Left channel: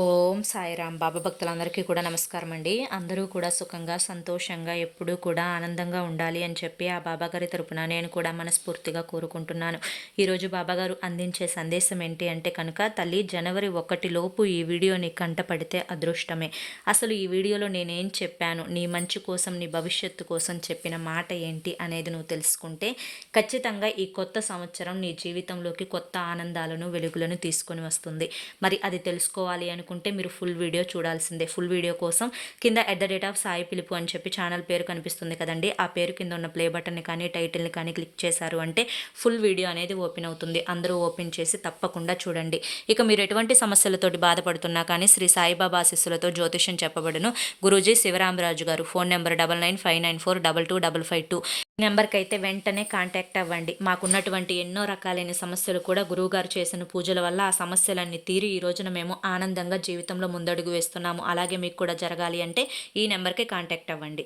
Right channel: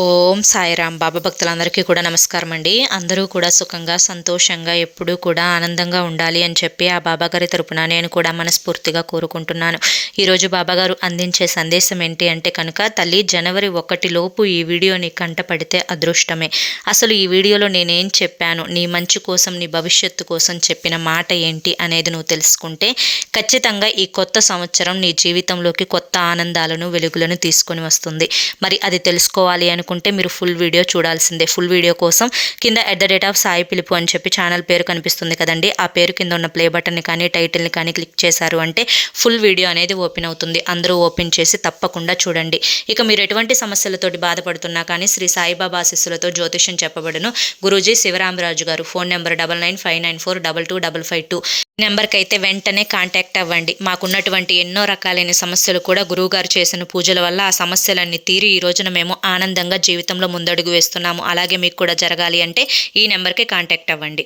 ఓం సాయిరాం. బాబా భక్తులందరికీ కూడా నమస్కారం అండి. అందరూ కూడా సుఖంగా సంతోషంగా ఎప్పుడూ కూడా ఆనందంగా ఉండాలి అని చెప్పి ఆ బాబాగారి తరపున నేను కూడా మనస్ఫూర్తిగా కోరుకుంటున్నాను. ఈరోజు బాబాగారు అందించే సందేశం ఏంటి అంటే కనుక, తల్లి జనవరి 1 లోపు ఈ వీడియోని కంటపడితే అదృష్టమే. అసలు ఈ వీడియోలో నేనేం చెప్పాను, నీ మంచి కోసం నీ భవిష్యత్తు కోసం చెప్పిన మాట ఏంటి అనేది నువ్వు తెలుసుకుంటే ఖచ్చితంగా ఈ కొత్త సంవత్సరం నీ జీవితంలోకి కొత్త ఆనందాలను వెలుగులను తీసుకొని వస్తుంది. మరి అది తెలుసుకోవాలి అనుకుంటే మీరు ఫుల్ వీడియో చూడాల్సిందే. ఫుల్ వీడియో కోసం కింద @సాయి పిలుపు అని చెప్పి ఛానల్ పేరు కనిపిస్తుంది కదండి, ఆ పేరు కింద ఉన్న ప్లే బటన్ని కానీ టైటిల్ని కానీ క్లిక్ చేశారు అంటే ఫుల్ వీడియో అనేది ఓపెన్ అవుతుంది. అందరూ ఓపెన్ చేసి తప్పకుండా చూడండి. ఇక మీరు ఎటువంటి సమస్యలతోటి బాధపడుతున్నా కానీ శ్రీ సాయిబాబా ఆశీస్సులతో జ్యోతిష్యం చెప్పబడును. గురూజీ శివరామరాజు గారు. Phone number 9959422552. ఈ నెంబర్కి అయితే వెంటనే కాంటాక్ట్ అవ్వండి. మాకున్నటువంటి ఎన్నో రకాలైన సమస్యలు కూడా గురువుగారు చేసిన పూజల వల్ల ఆ సమస్యలన్నీ తీరి ఈ రోజున మేము ఆనందంగా జీవితంలో ముందడుగు వేస్తున్నాము. అలాగే మీకు కూడా జరగాలి అంటే ఈ నెంబర్కి కాంటాక్ట్ అవ్వండి.